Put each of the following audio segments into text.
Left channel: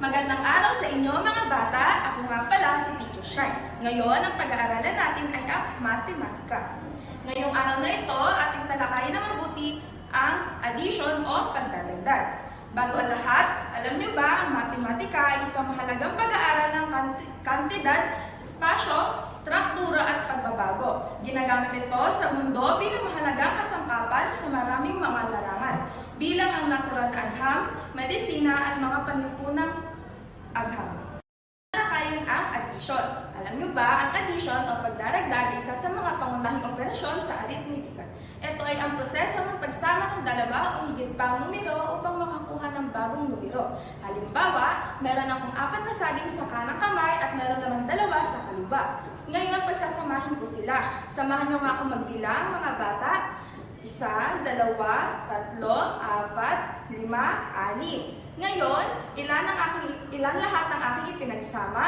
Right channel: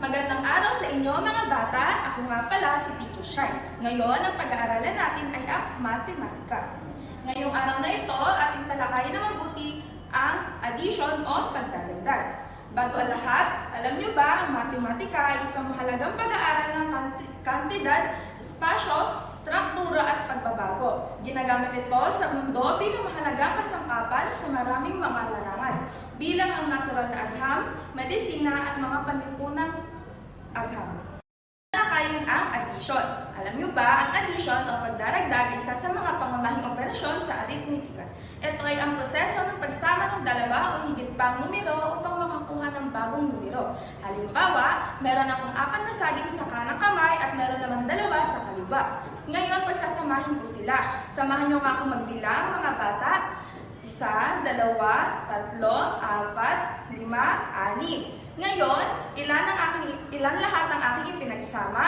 Magandang araw sa inyo mga bata. Ako nga pala si Teacher Shine. Ngayon, ang pag-aaralan natin ay ang matematika. Ngayong araw na ito, ating talakayin na mabuti ang addition o pagdadagdag. Bago ang lahat, alam niyo ba ang matematika ay isang mahalagang pag-aaral ng kantidad, espasyo, struktura at pagbabago. Ginagamit ito sa mundo bilang mahalagang kasangkapan sa maraming mga larangan, bilang ang natural na agham, medisina at mga panlipunang agham. Talakayin ang addition. Alam niyo ba, ang addition o pagdaragdag ay isa sa mga pangunahing operasyon sa arithmetika. Ito ay ang proseso ng pagsama ng dalawa o higit pang numero upang makakuha ng bagong numero. Halimbawa, meron akong 4 na saging sa kanang kamay at meron naman 2 sa kaliwa. Ngayon, pagsasamahin ko sila. Samahan niyo nga akong magbilang, mga bata. 1, 2, 3, 4, 5, 6. Ngayon, ilan lahat ng aking ipinagsama?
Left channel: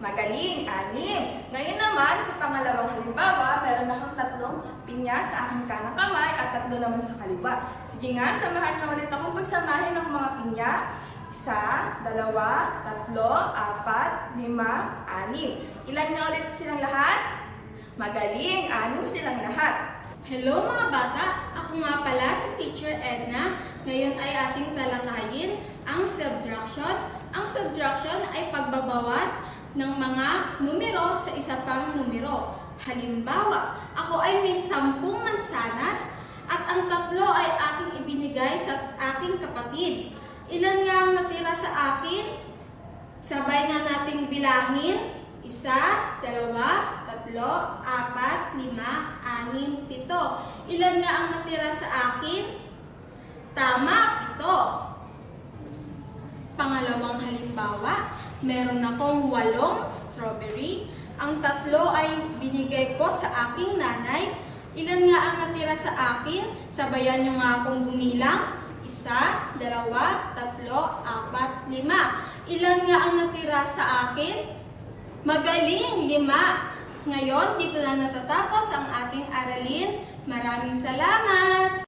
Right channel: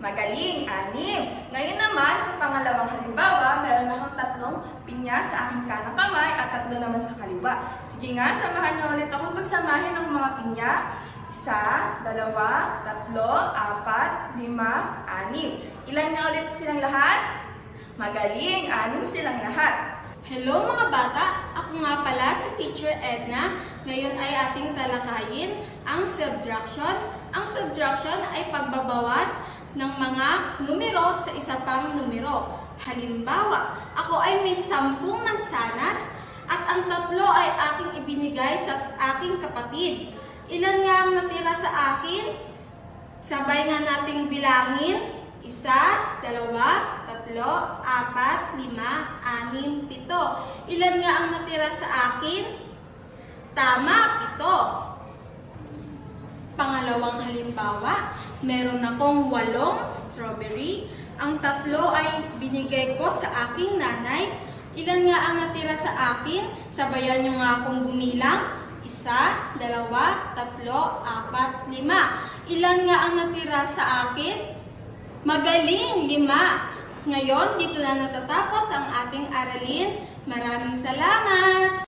Magaling, 6. Ngayon naman, sa pangalawang halimbawa, meron akong 3 pinya sa aking kanang kamay at 3 naman sa kaliwa. Sige nga, samahan niyo ulit akong pagsamahin ng mga pinya. 1, 2, 3, 4, 5, 6. Ilan na ulit silang lahat? Magaling, 6 silang lahat. Hello mga bata! Ako nga pala si Teacher Edna. Ngayon ay ating talakayin ang subtraction. Ang subtraction ay pagbabawas ng mga numero sa isa pang numero. Halimbawa, ako ay may 10 mansanas at ang 3 ay aking ibinigay sa aking kapatid. Ilan nga ang natira sa akin? Sabay nga nating bilangin. 1, 2, 3, 4, 5, 6, 7. Ilan nga ang natira sa akin? Tama, 7. Pangalawang halimbawa, meron akong 8 strawberry. Ang 3 ay binigay ko sa aking nanay. Ilan nga ang natira sa akin? Sabayan nyo nga akong bumilang. 1, 2, 3, 4, 5. Ilan nga ang natira sa akin? Magaling, 5. Ngayon, dito na natatapos ang ating aralin. Maraming salamat!